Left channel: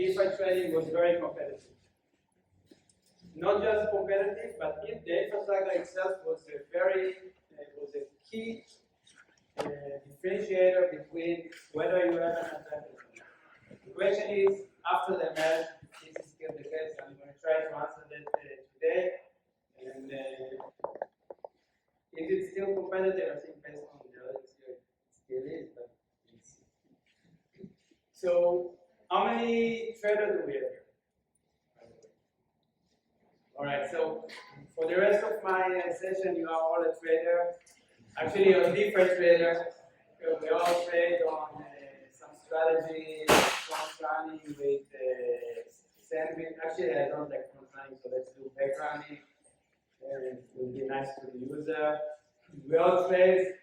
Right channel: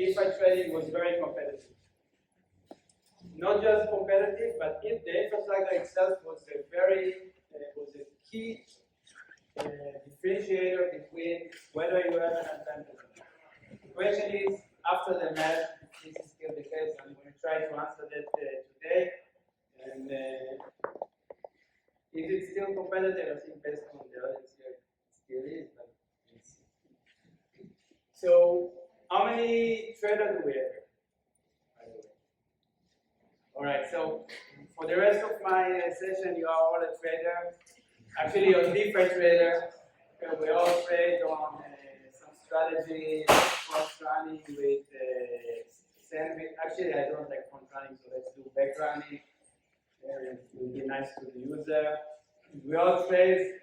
DeFi trading was very competitive. Not just competitive, but if the infrastructure itself was a key differentiator between whether you have an advantage or not. The question is, after the merge, this is still the case. I'm going to try to answer that today. And is it still competitive? I think based on the audience here, it still is, but let's see. So, how many traders do we have here? All right, so for the rest of my session, you are all a trader. Actually, you're a different trader. We all trade on some strategy, front running with sandwich. Actually, I don't like front running, so let's do back running. It will be nice to the user. We all trade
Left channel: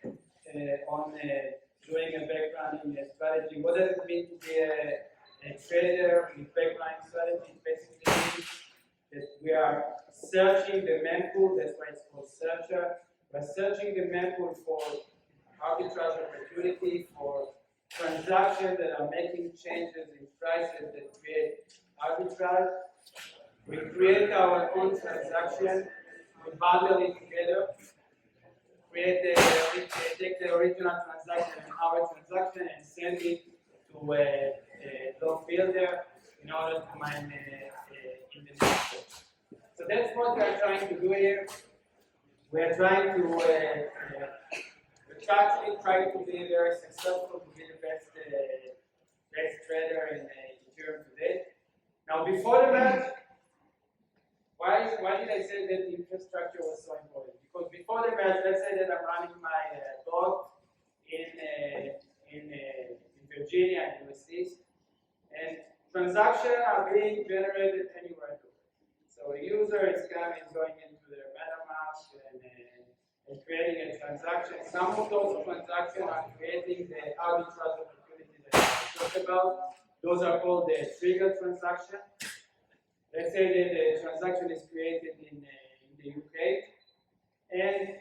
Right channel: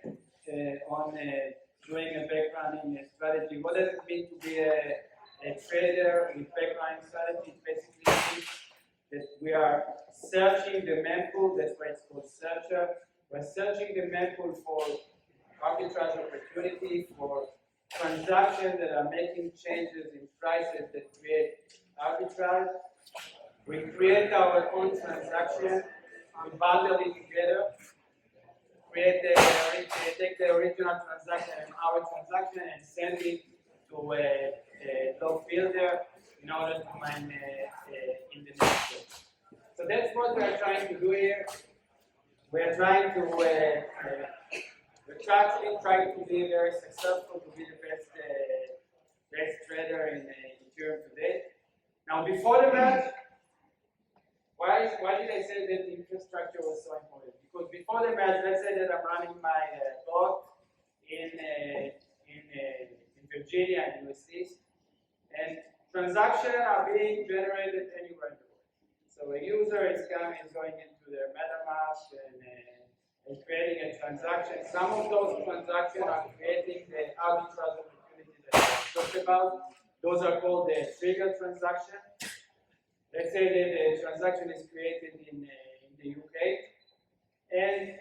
on doing a back running strategy. What does it mean to be a trader with back running strategy? It basically means that we are searching the mempool. That's why it's called searcher. We're searching the mempool for arbitrage opportunity, for transactions that are making changes in prices that create arbitrage. We create our own transaction. We bundle it together, take the original transaction and our transaction and send it to a log builder in order to mine in the next step. So that's what we are trying to do here. We are trying to we're actually trying to be very successful, to be the best trader in Ethereum today. Now, before the merge, why did I say that the infrastructure was so important? Because before the merge, let's say that I'm running my bot in Virginia and USDs, and transactions are being generated anywhere in the world. So a user is going into their MetaMask and creating a transaction. Some of those transactions are creating the arbitrage opportunity that I talked about. Those are called the trigger transaction. Let's say that the transaction is created in the UK, and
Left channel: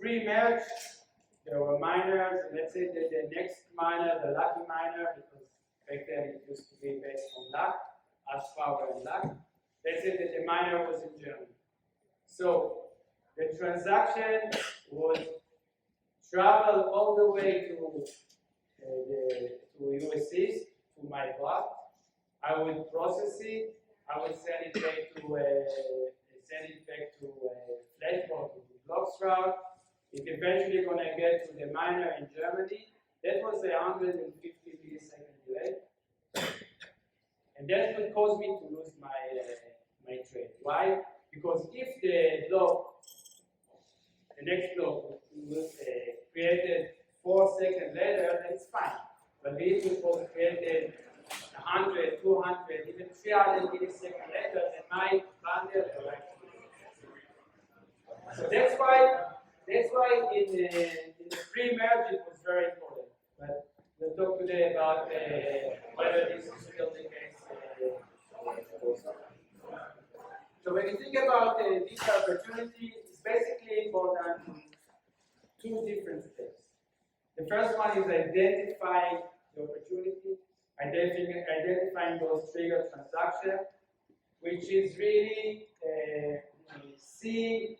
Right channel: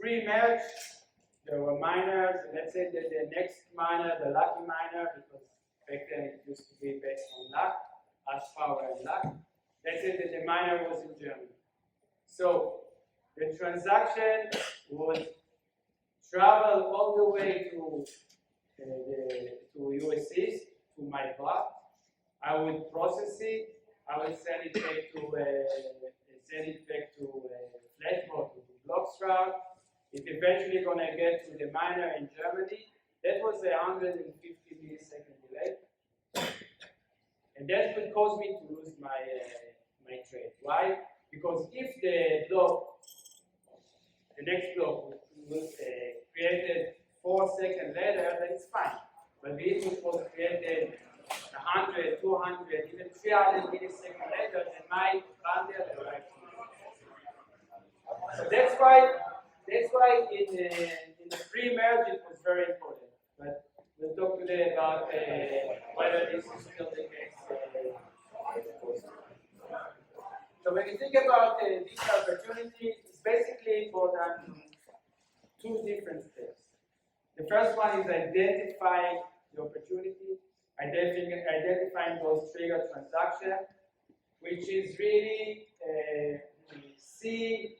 pre-merge, there were miners. Let's say that the next miner, the lucky miner, because back then it used to be based on luck, hash power and luck. Let's say that the miner was in Germany. So the transaction would travel all the way to USDs, to my bot. I would process it. I will send it back to Flashbot, to bloXroute. It's eventually going to get to the miner in Germany. That was 150 millisecond delay, and that will cause me to lose my trade. Why? Because if the next block was created 4 seconds later, then it's fine. But if it was created 100, 200, even 300 milliseconds later, then my bundle arrives. So that's why in the pre-merge it was very important. But we'll talk today about whether this is still the case. So when you think about this opportunity, it's basically important two different steps. The first one is identifying the opportunity. Identifying those trigger transactions, which is really see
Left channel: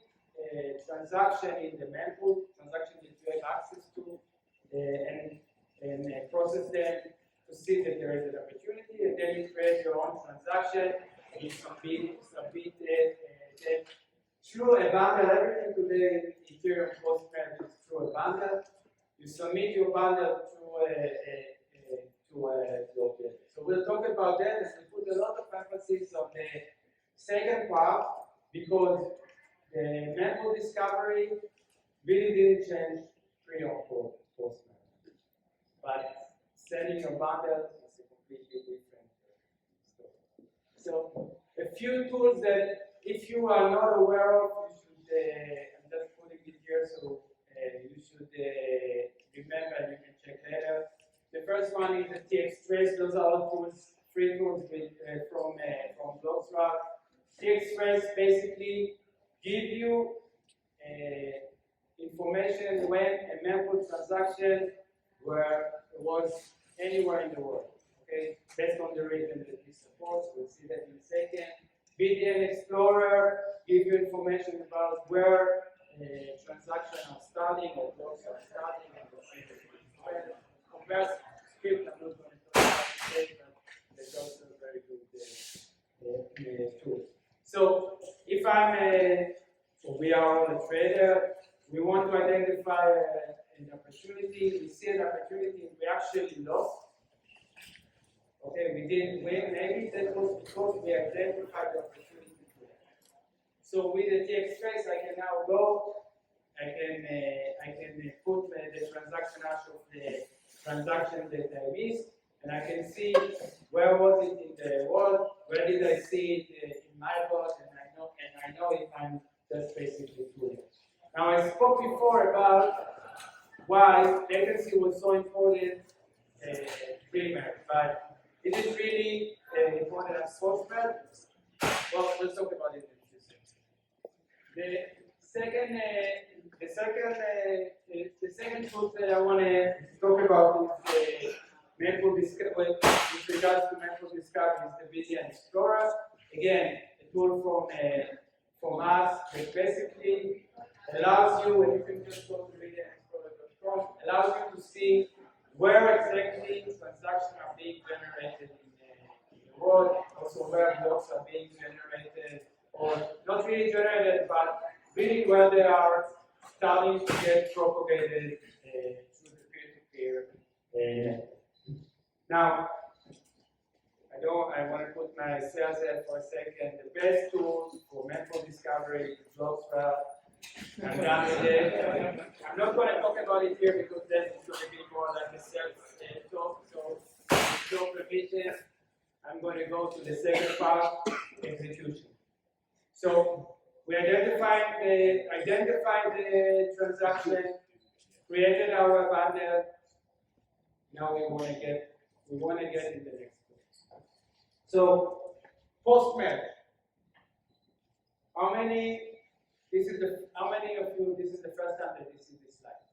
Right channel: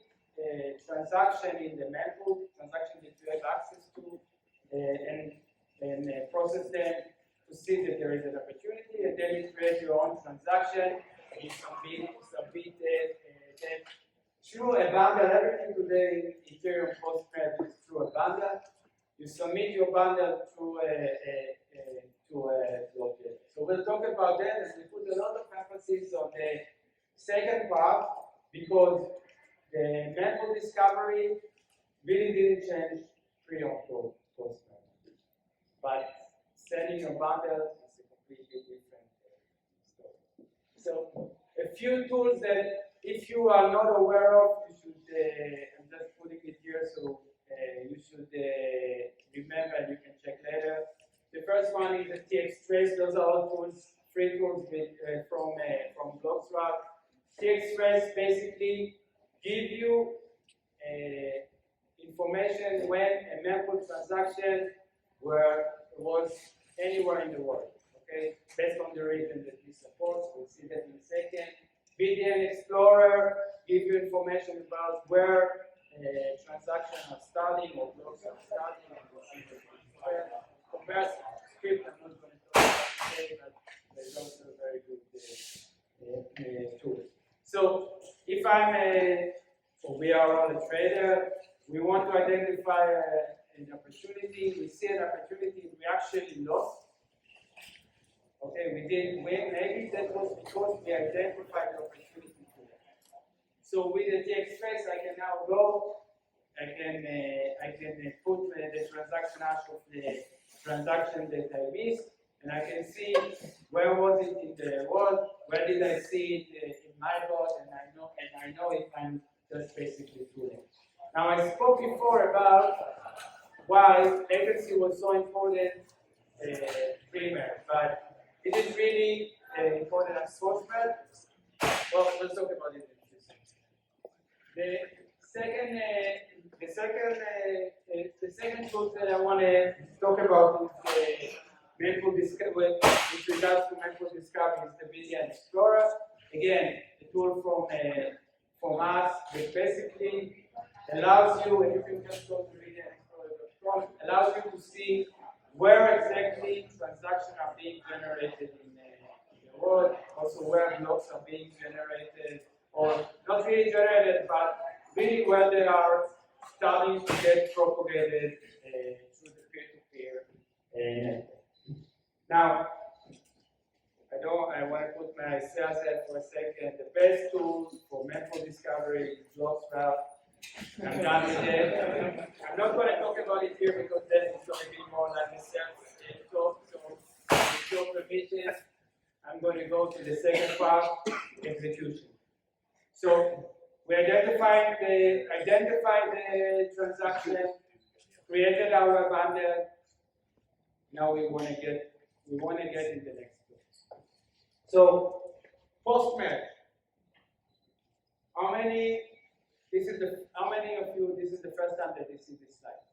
transaction in the mempool, transaction that you have access to, and process them to see that there is an opportunity, and then you create your own transaction and you submit it through a bundle. Everything today in Ethereum post-merge is through a bundle. You submit your bundle through So we'll talk about that as we put a lot of emphasis on the second part, because the mempool discovery really didn't change pre or post-merge. But sending your bundle is a completely different story. So a few tools that if you are not aware of, you should, I'm just putting it here, so you should remember, and you can check later. The first one is the TXTrace. Those are all tools, free tools from bloXroute. TXTrace basically give you information when a mempool transaction was anywhere in the world. okay, based on the region that we support. We'll see that in a second. BDN Explorer gives you information about where transactions are starting or blocks are starting, and we'll see that compared to script, I'm not going to talk about today, but there's also a very good tool. So if we are all a trader, we want to identify an opportunity. We see an opportunity, we actually lost. Okay, we didn't win. Maybe that was because we identified the opportunity today. So with the TX trace, I can now go. I can put the transaction hash of the transaction that I missed, and I can see where was it in the world, where did I see it in my bot, and I know if I'm just basically doing it. Now I spoke before about why latency was so important pre-merge, but is it really important as post-merge? Well, let's talk about it in a few seconds. The second tool that I want to talk about is with regards to method discovery is the BDN Explorer. Again, a tool from us that basically allows you, and you can just go to BDNExplorer.com, allows you to see where exactly transactions are being generated in the world, also where blocks are being generated, or not really generated, but really where they are starting to get propagated through the peer-to-peer network. Now, I want to put my sales head for a second. The best tools for method discovery is bloXroute. I'm done with it. I'm not going to talk about it here because that is going to be more like a sales talk. So, with your permission, I'm going to go to the second part, execution. So, we identified the transaction, created our bundle. Now we want to get in the next one. So post-merge. How many of you this is the first time that you see this slide?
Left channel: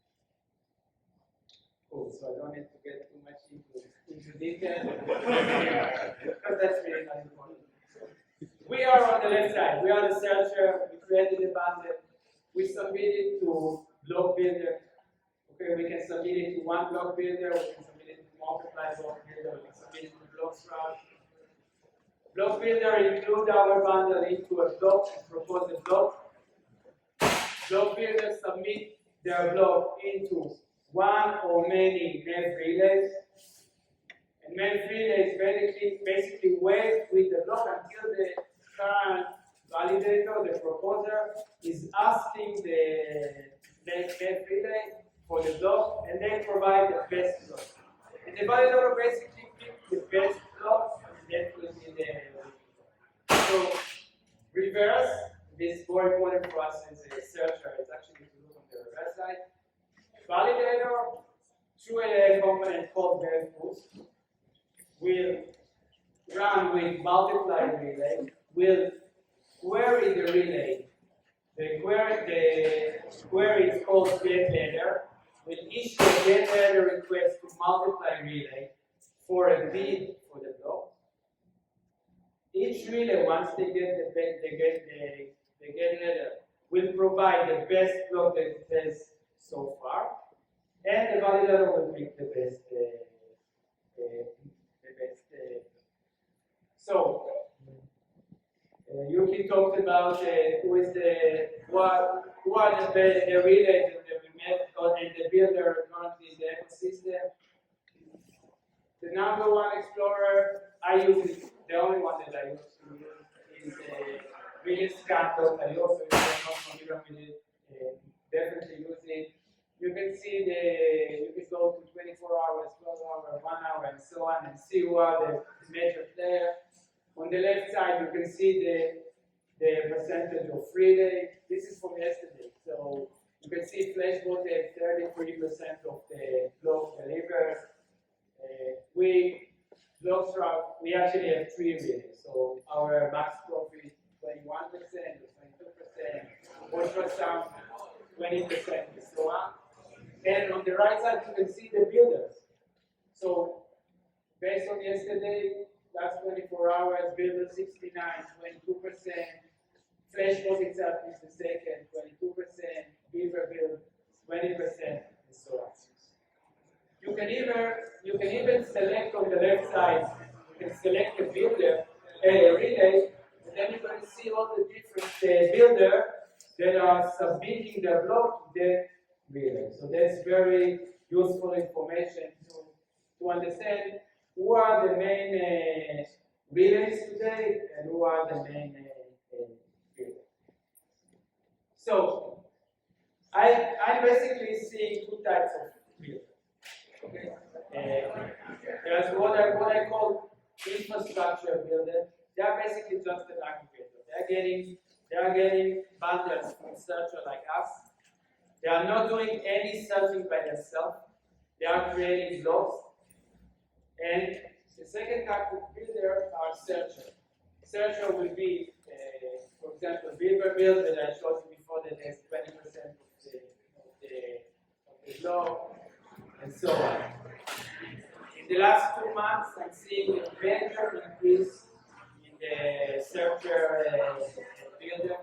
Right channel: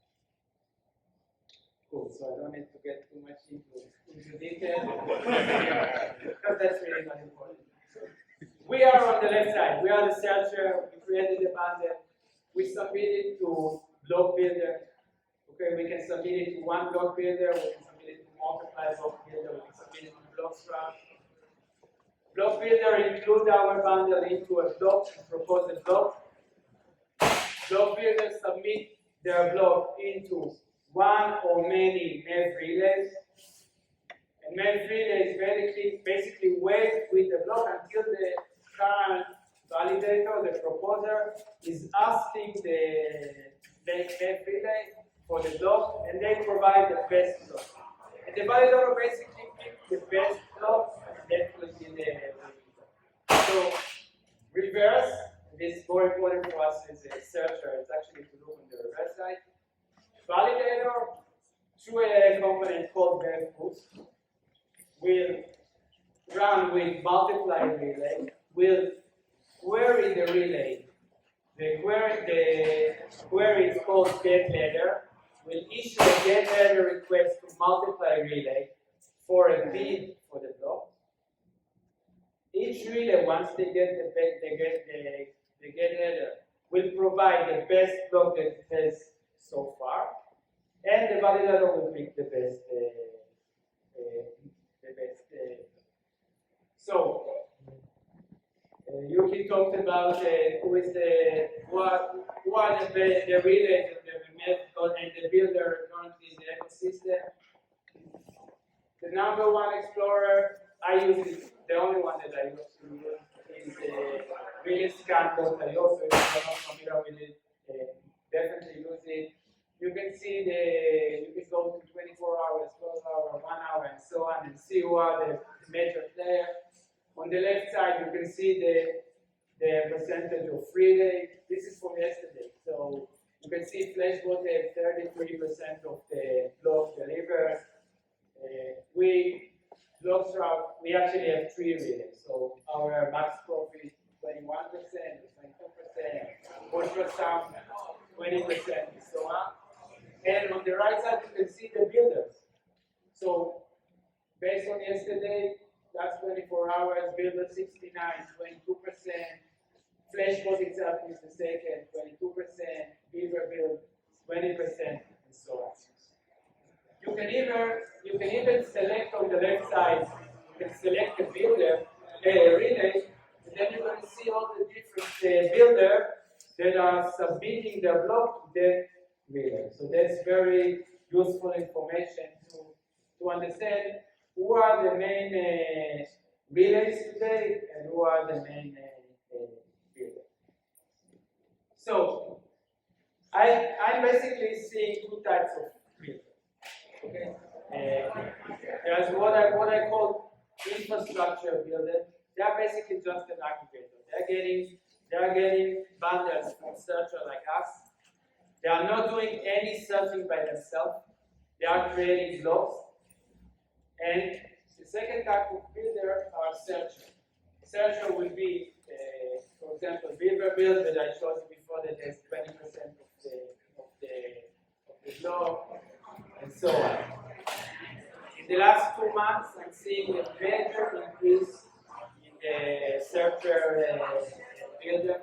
Cool, so I don't need to get too much into detail because that's really not important. We are on the left side. We are the searcher. We created the bundle. We submit it to block builder. Okay, we can submit it to one block builder. We can submit it to multiply block builder. We can submit it to bloXroute. Block builder includes our bundle into a block and propose a block. Block builder submit their block into one or many MEV relays. And MEV relays basically wait with the block until the current validator, the proposer, is asking the MEV relay for the block, and they provide the best block. And the validator basically picks the best block, and that will be the block. So, reverse, this is more important for us as a searcher, it's actually to look on the reverse side. Validator, through a component called MEV will run with multiply relay, will query the relay. The query is called getLadder, will issue a getLadder request to multiply relay for a bid for the block. Each relay, once they get the getLadder, will provide the best block that it has so far, and the validator will pick the best. So, Yuki talked about who are the relays that we met and the builder currently in the ecosystem. The number one explorer I use is the only one that I use to use is millisecond.io. So if you're not familiar with it, definitely use it. You can see you can go to 24 hours, 12 hours, 1 hour, and so on, and see who are the major players. On the left side, you can see the percentage of relay. This is from yesterday. So you can see Flashbot had 33% of the block delivered. bloXroute, we actually have 3 relays. So our max profit is 21%, 22%, ultrasound 20%, and so on. And on the right side, you can see the builders. So Based on yesterday, last 24 hours, builder 69, 22%. Flash bot itself is the second, 22%. Beaver build, 20%, and so on. You can even select on the left side. You can select a builder, a relay, and then you're going to see all the different builders that are submitting their block to the relay. So that's very useful information to understand who are the main relays today and who are the main builders. So I'm basically seeing two types of builders. Okay, there's what I call infrastructure builder. They are basically just an aggregator. They are getting bundles from searcher like us. They are not doing any searching by themselves. They are creating blocks. And the second type of builder are searcher. Searcher will be, for example, Beaver build that I showed you before that has 20% of the block, and so on. In the last 2 months, I'm seeing a major increase in the searcher builder,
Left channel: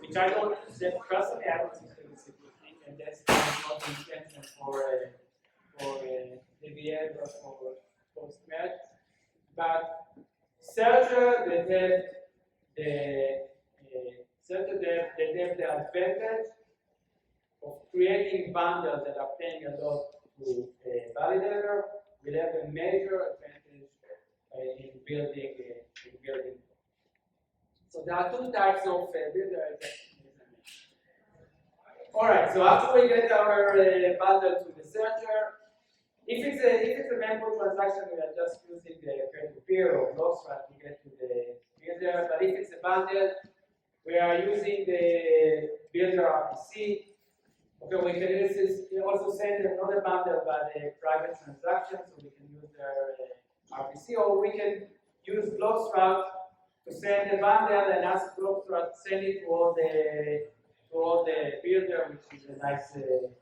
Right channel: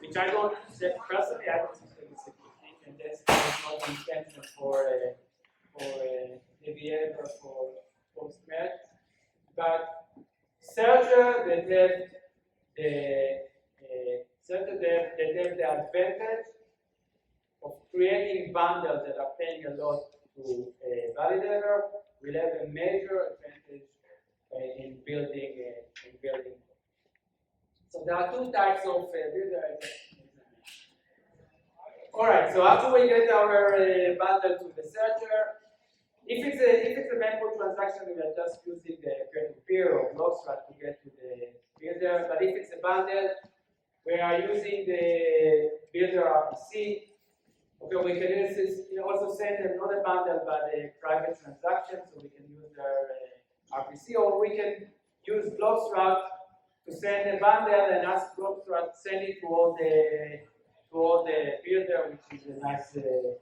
which I don't personally. I don't think it's a good thing, and that's not the intention for EthDenver or for post-merge. But searcher that have the advantage of creating bundles that are paying a lot to a validator will have a major advantage in building. So there are two types of builders. All right. So after we get our bundle to the searcher, if it's a mempool transaction, we are just using the peer-to-peer or bloXroute to get to the builder. But if it's a bundle, we are using the builder RPC. Okay, we can also send another bundle by the private transaction, so we can use their RPC, or we can use bloXroute to send a bundle and ask bloXroute to send it to all the builder, which is a nice feature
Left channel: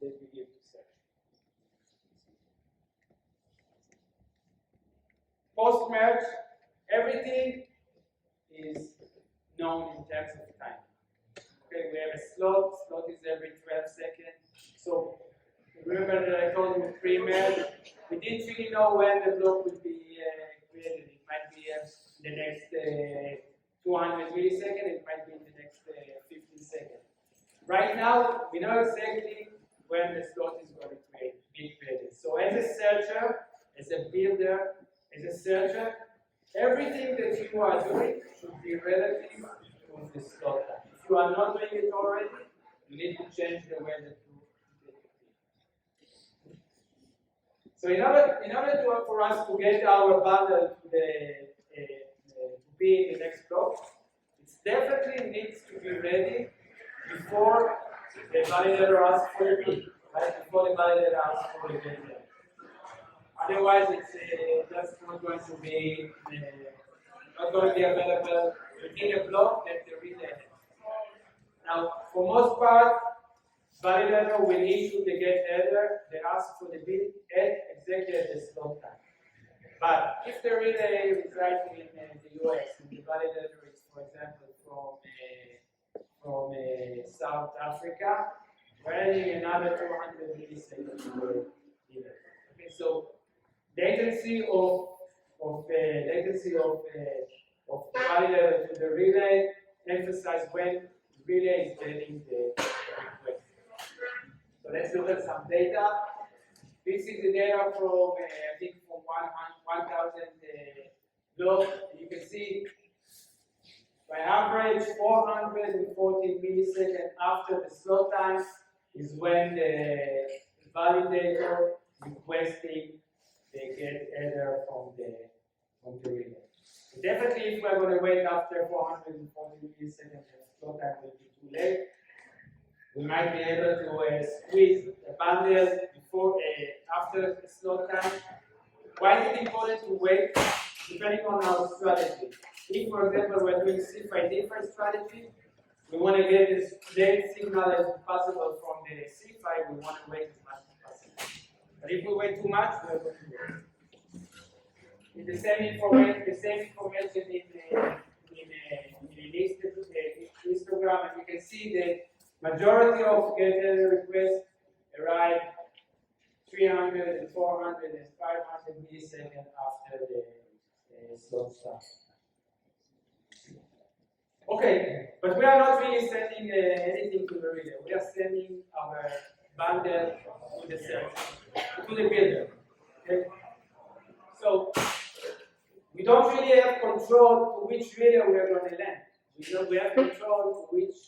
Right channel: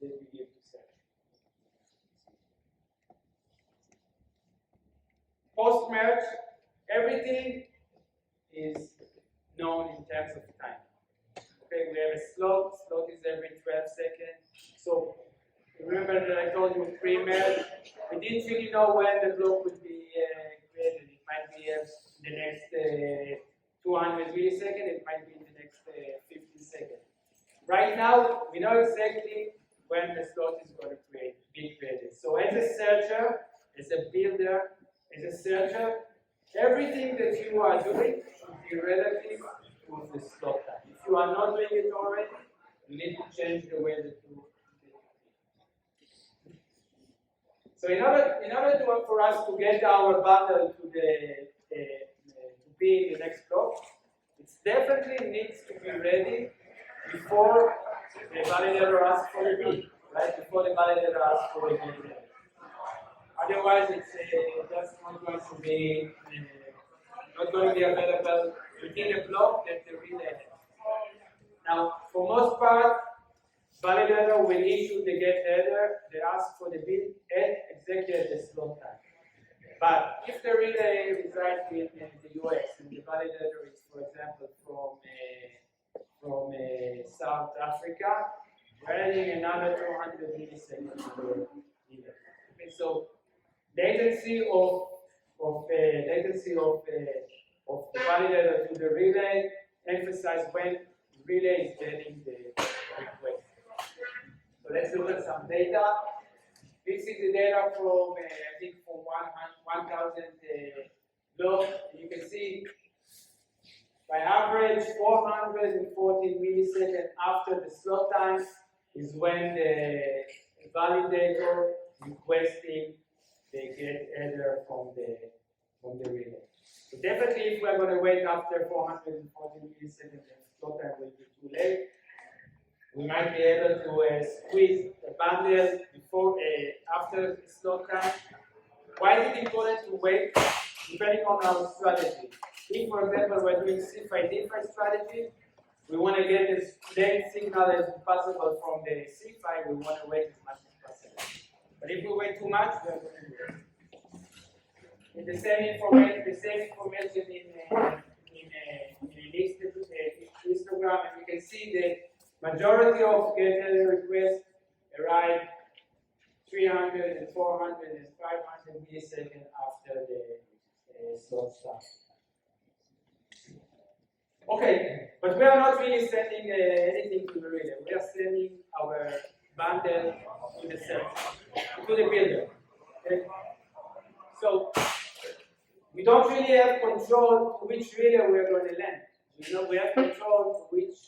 that we give to search. Post-merge, everything is known in terms of time. Okay, we have a slot is every 12 seconds. So remember that I told you pre-merge, we didn't really know when the block would be created. It might be in the next 200 milliseconds, it might be in the next 15 seconds. Right now, we know exactly when the slot is going to be created. So as a searcher, as a builder, as a searcher, everything that you are doing should be relative to the slot time. If you are not doing it already, you need to change the way that you do it. So in order for us to get our bundle to be in the next block, it definitely needs to be ready before the validator asks for the bid, right? Before the validator asks for the bid. Otherwise, it's just not going to be available within a block that the relay has. Now, for most part, validator will issue the get header that asks for the bid exactly at the slot time. But if the relay resides in the US and the validator is, for example, from South Africa, we're adding another 200 milliseconds to the delay. Okay, so latency of the validator to the relay emphasize when the relay is getting the request. So let's look at some data. This is the data from I think from 1,000 blocks. You can see by average 440 milliseconds after the slot time is when the validator requesting the get header from the relay. So definitely, if we're going to wait after 440 milliseconds, the slot time will be too late. We might be able to squeeze the bundle before, after the slot time. Why is it important to wait? Depending on our strategy. If, for example, we're doing CFI DeFi strategy, we want to get as late signal as possible from the CFI. We want to wait as much as possible. But if we wait too much, we're going to do it. It's the same information in histogram, and you can see the majority of GetEther requests arrive 300 and 400 and 500 milliseconds after the slot starts. Okay, but we are not really sending anything to the relay. We are sending our bundle to the server, to the builder. Okay? So we don't really have control to which relay we are going to land. We have control to which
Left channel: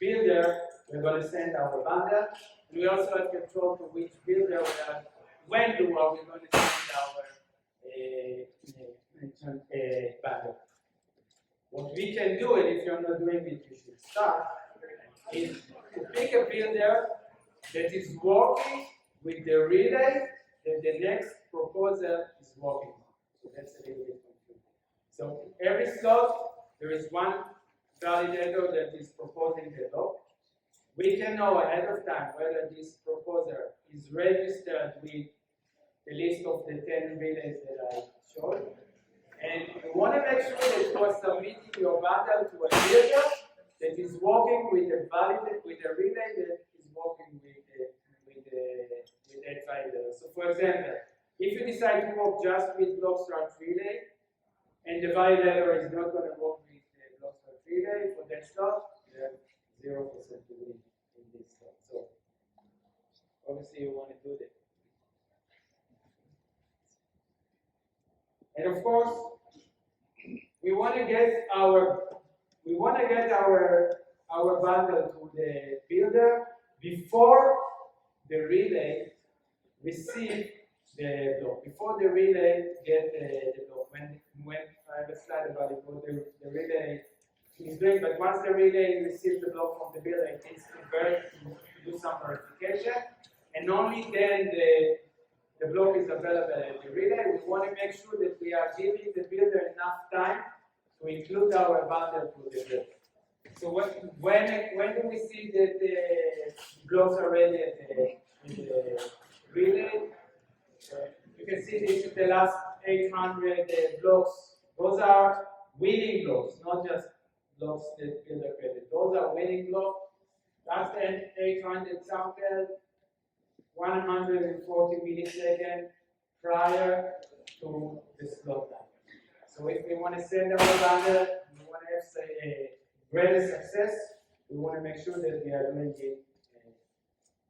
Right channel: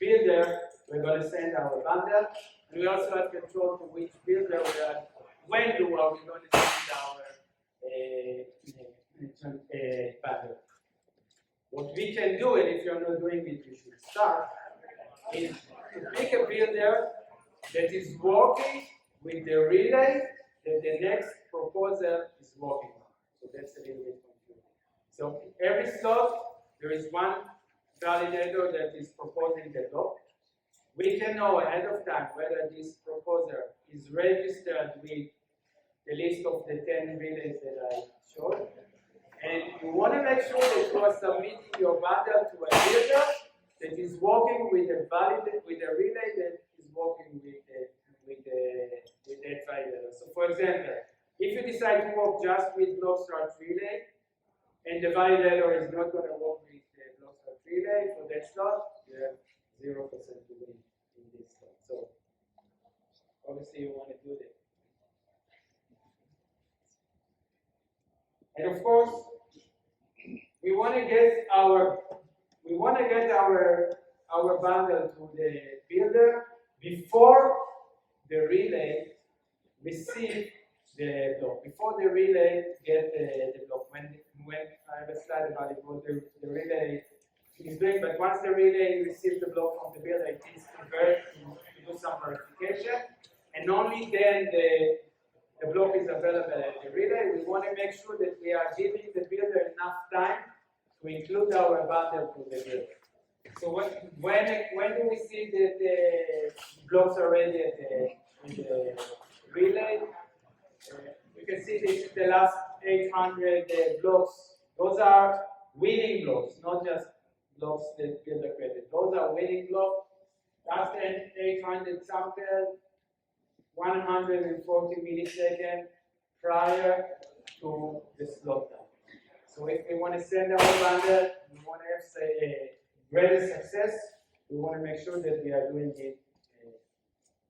builder we're going to send our bundle, and we also have control to which builder when are we going to send our bundle. What we can do, and if you're not doing it, you should start, is to pick a builder that is working with the relay that the next proposal is working on. So that's a little bit confusing. So every slot, there is one validator that is proposing the block. We can know ahead of time whether this proposer is registered with the list of the 10 relays that I showed. And you want to make sure that you are submitting your bundle to a builder that is working with a relay that is working with that validator. So for example, if you decide to work just with bloXroute relay, and the validator is not going to work with the bloXroute relay for that slot, you have 0% to win in this slot. So obviously you want to do that. And of course, we want to get our bundle to the builder before the relay receive the block. Before the relay get the block. When I have a slide about it, what the relay is doing, but once the relay receives the block from the builder, it needs to convert to do some verification, and only then the block is available at the relay. We want to make sure that we are giving the builder enough time to include our bundle to the builder. So when do we see that the blocks are ready at the relay? You can see this is the last 800 blocks. Those are winning blocks, not just blocks that builder created. Those are winning blocks. Last 800 sample, 140 milliseconds prior to the slot time. So if we want to send our bundle, we want to have a greater success, we want to make sure that we are doing it. We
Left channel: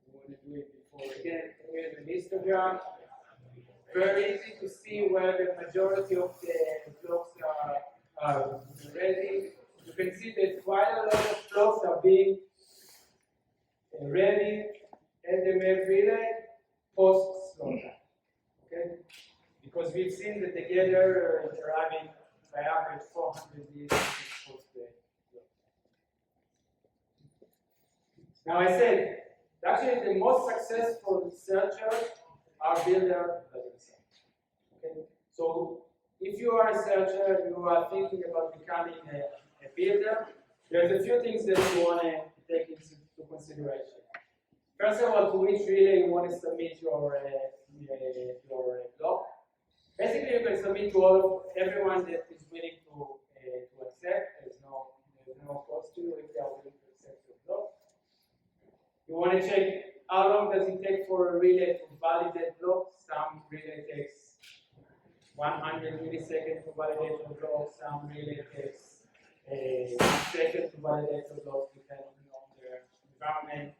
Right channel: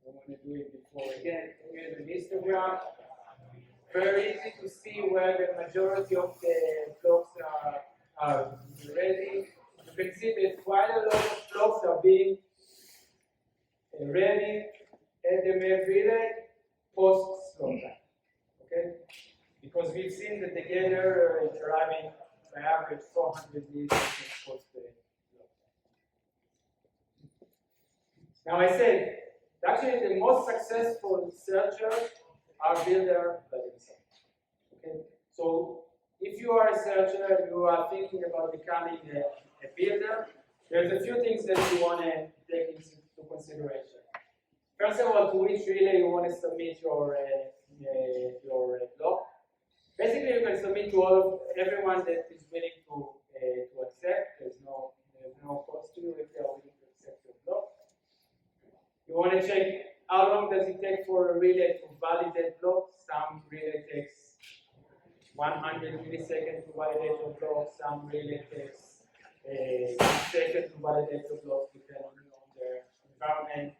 want to do it before. Again, here's an histogram. Very easy to see where the majority of the blocks are ready. You can see that quite a lot of blocks are being ready at the MEV relay post slot time. Okay? Because we've seen that the gather is arriving by average 400 milliseconds post the slot time. Now I said, actually the most successful searchers are builders by themselves. Okay? So if you are a searcher, you are thinking about becoming a builder, there's a few things that you want to take into consideration. First of all, to which relay you want to submit your block. Basically, you can submit to everyone that is willing to accept. There's no cost to you if they are willing to accept your block. You want to check how long does it take for a relay to validate block. Some relay takes 100 milliseconds to validate your block. Some relay takes 1 second to validate your block, depending on their environment.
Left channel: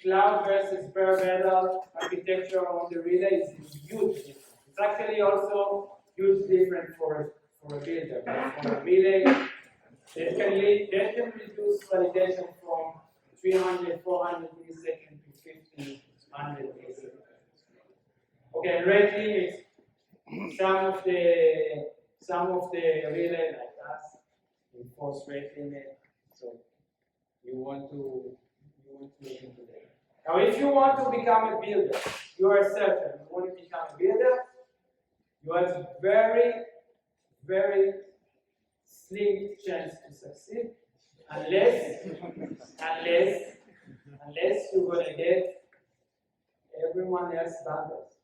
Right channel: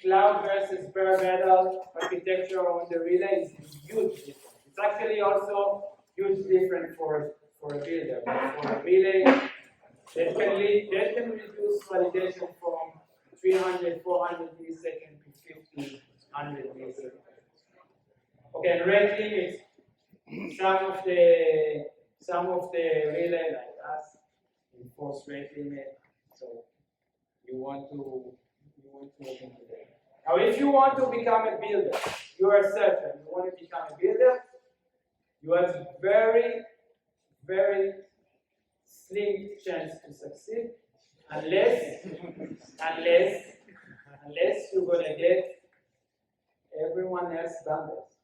Cloud versus bare metal architecture on the relay is huge difference. It's actually also huge different for a builder. But for a relay, that can reduce validation from 300, 400 milliseconds to 50, 100 milliseconds. Okay, rate limits. Some of the relay like us enforce rate limit. So you want to look into that. Now, if you want to become a builder, you are a searcher, you want to become a builder, you have very, very slim chance to succeed unless you're going to get everyone else bundles.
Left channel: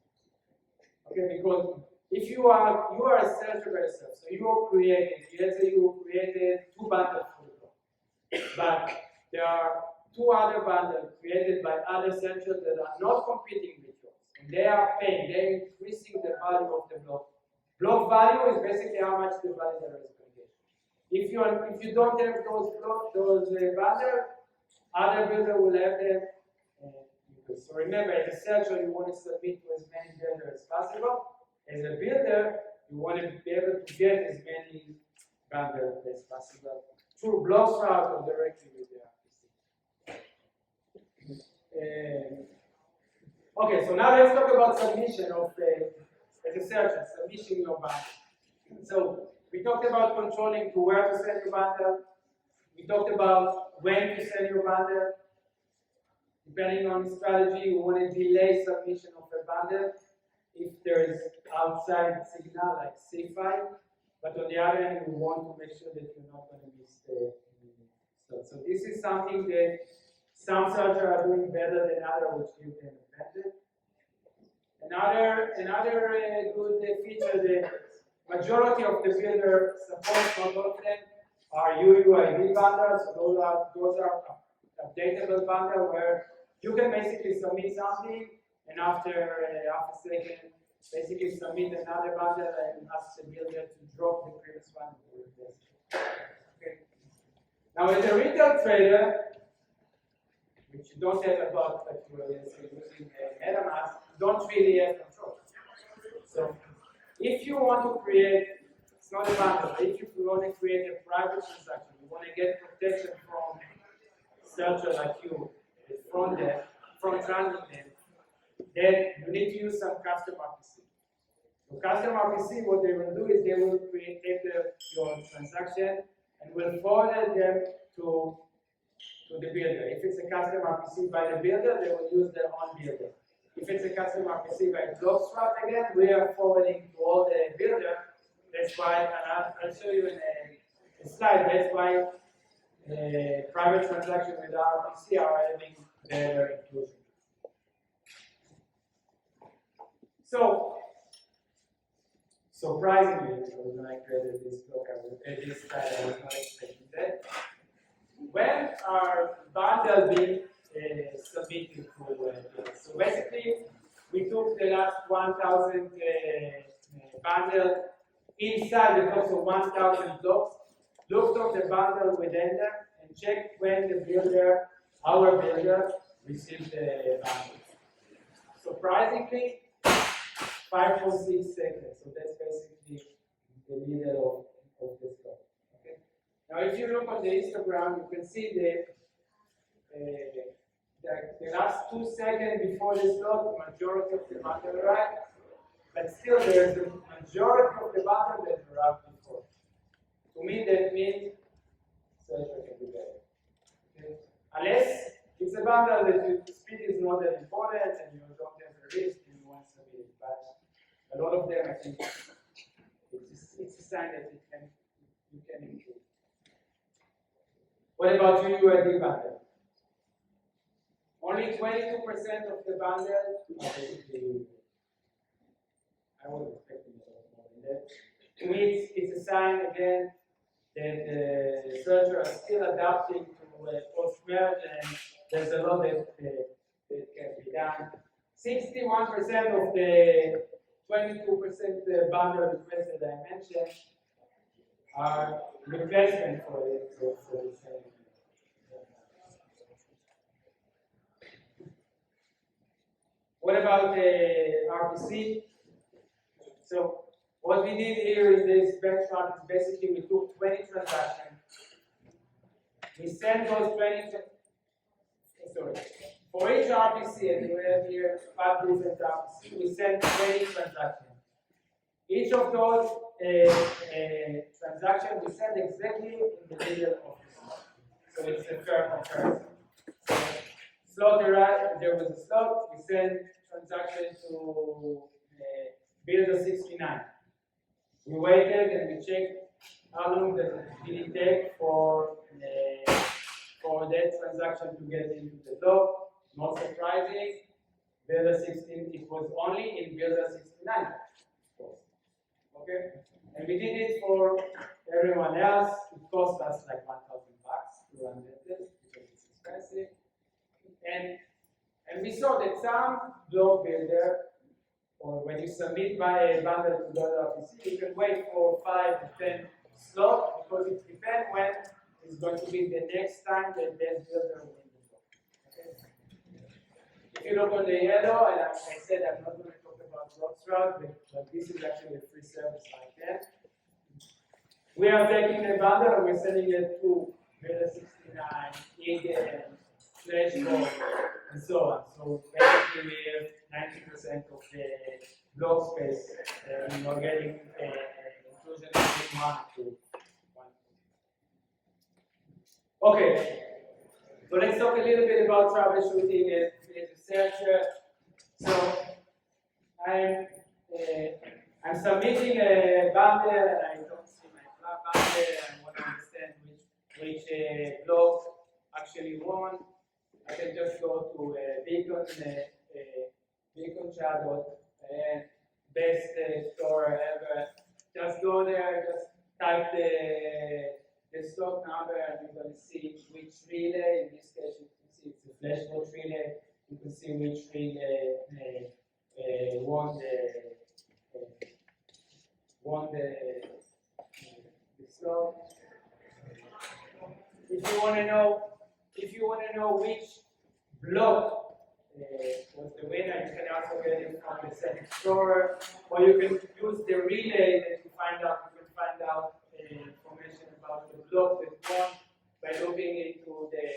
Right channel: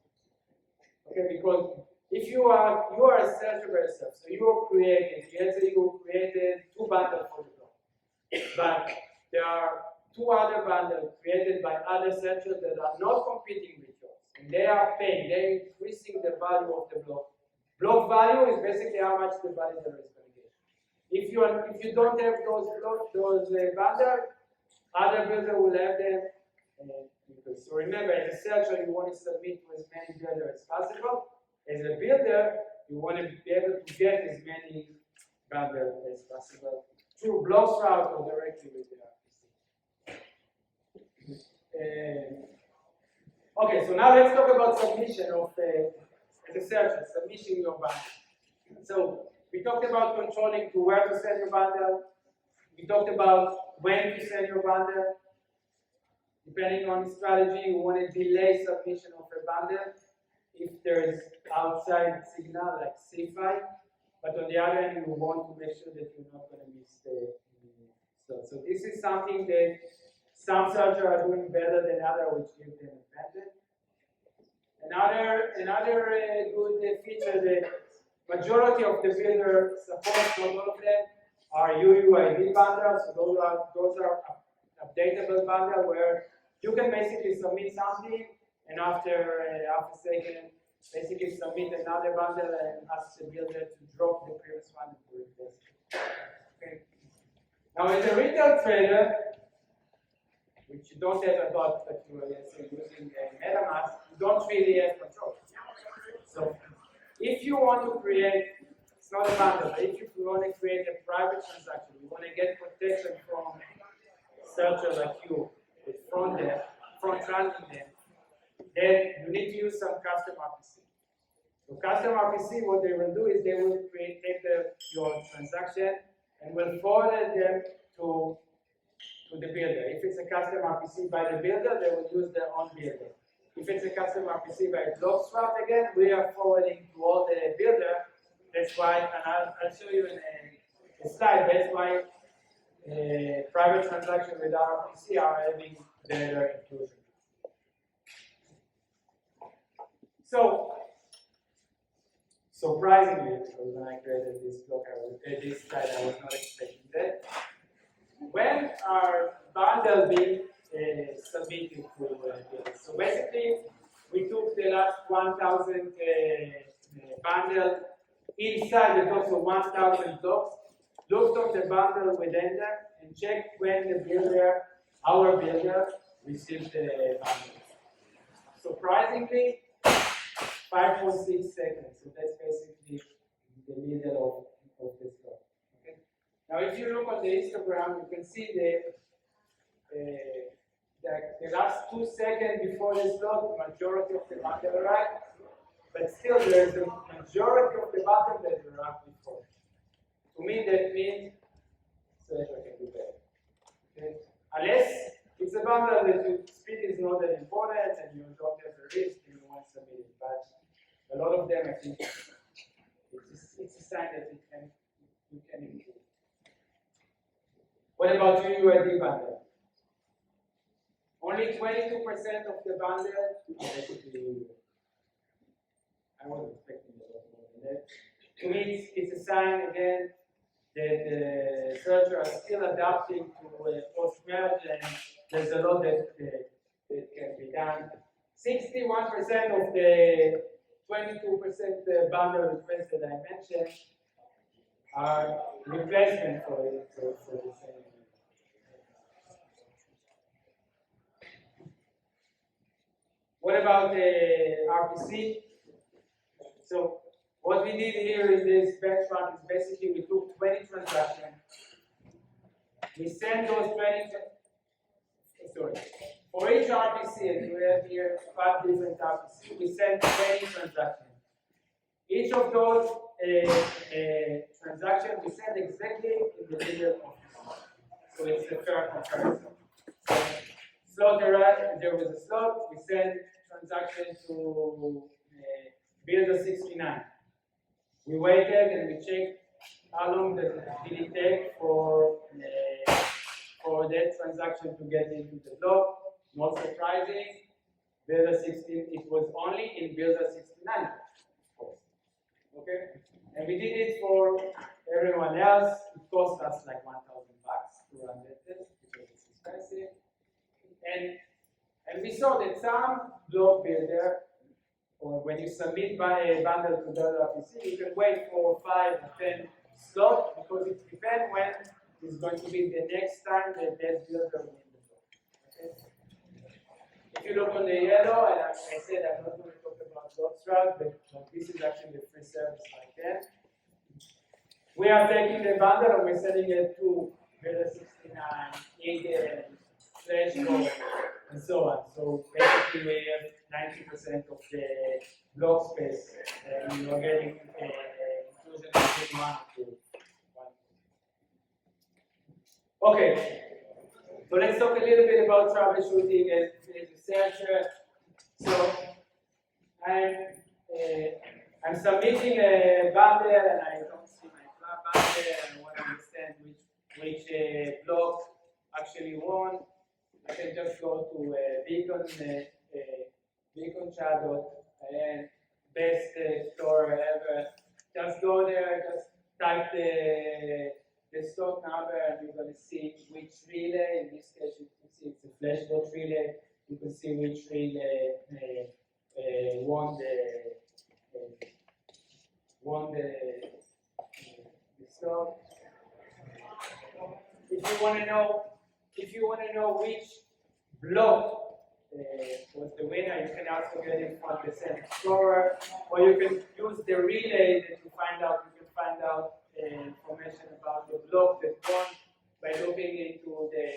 Okay, because if you are a searcher yourself, so you created 2 bundles for the block, but there are 2 other bundles created by other searchers that are not competing with yours, and they are paying, they're increasing the value of the block. Block value is basically how much the validator is going to get. If you don't have those bundles, other builder will have them. So remember, as a searcher, you want to submit to as many builders as possible. As a builder, you want to be able to get as many bundles as possible through bloXroute or directly with the RPC. Okay, so now let's talk about submission of, as a searcher, submission your bundle. So we talked about controlling to where to send your bundle. We talked about when to send your bundle. Depending on the strategy, you want to delay submission of a bundle if there is outside signal like CFI. But on the other hand, you want to make sure that you're not going to miss the slot. So this is something that some searchers are doing better than others, which gives them advantage. Another good feature that majority of the builders support, not all of them, are UUID bundles. So those are updatable bundles where you can basically submit something, and after a second, basically submit another bundle and ask the builder to drop the previous one and replace it. Okay. Now, as a retail trader, which you don't have a bot, but you are using MetaMask, you don't really have control. So, if you want to create, it's not a bundle, but if you want to create a private transaction, you want to get protection from searcher like you, front running them, then you need to use some custom RPC. So custom RPC, what they will do is they will take your transaction and will forward them to the builder. If it's a custom RPC by the builder, they will use their own builder. If it's a custom RPC by bloXroute again, we are forwarding to all the builder. That's why, and I'll show you in a slide, that's why private transactions with RPC are having better inclusion. So, surprisingly, when I created this block, this slide, I was not expecting that. When are bundles being submitted to so basically, we took the last 1,000 bundles inside the blocks of 1,000 blocks, looked up the bundle within them, and checked when the builder, our builder, received the bundle. Surprisingly, 5.6 seconds. So that's basically the middle of this block. Okay. Now, if you look on the histogram, you can see the last 2 seconds before this block, the majority of the bundle arrived, but still there's a majority of the bundle that arrived before. To me, that means searcher can do better. Okay. Unless it's a bundle that your speed is not that important and you don't have a risk, you want to submit it. But a lot of them, I think, it's a sign that you can improve. What about UUID bundle? Only 22% of the bundle are basically UUID. I was expecting a lot more than that. To me, it's a sign again that the searchers are still adapting to post-merge, and there's a lot that can be done. 61% of the 22% bundle requests that I mentioned are replacement for the same. What about the RPC? So what we did here in this benchmark is basically we took 20 transactions. We sent those 20, for each RPC, and you have here 5 different RPCs, we sent 20 transactions. Each of those transactions we send exactly in the middle of the slot. So it's a fair comparison. So slot arrived, there was a slot, we sent transaction to builder 69. We waited and we checked how long did it take for that transaction to get into the block. Not surprising, builder 16, it was only in builder 69, of course. Okay? And we did it for everyone else. It cost us like $1,000 to run that test because it's expensive. And we saw that some block builder, or when you submit by a bundle to .PC, you can wait for 5 or 10 slots because it depends when is going to be the next time that that builder will win the block. Okay? If you look on the yellow, and I said I'm not going to talk about bloXroute, but this is actually a free service like that. We are taking the bundle and we're sending it to builder 69, EthDenver, FlashCode, and so on. So basically we have 90% of the block space, and you're getting inclusion between 1 to 1. Okay, so let's talk a little bit about troubleshooting as a researcher. So I'm submitting a bundle and I don't see my bundle and I want to understand which block actually won. I can just go to beacon chatbot and best explorer ever. Just go there, just type the stock number, and you're going to see which relay. In this case, you can see it's a FlashCode relay. You can see which relay won the stock. If you want to know which block was the winner, you can also get it from the same explorer, or you can use the relay that you find out. You can find out information about the block that won by looking into the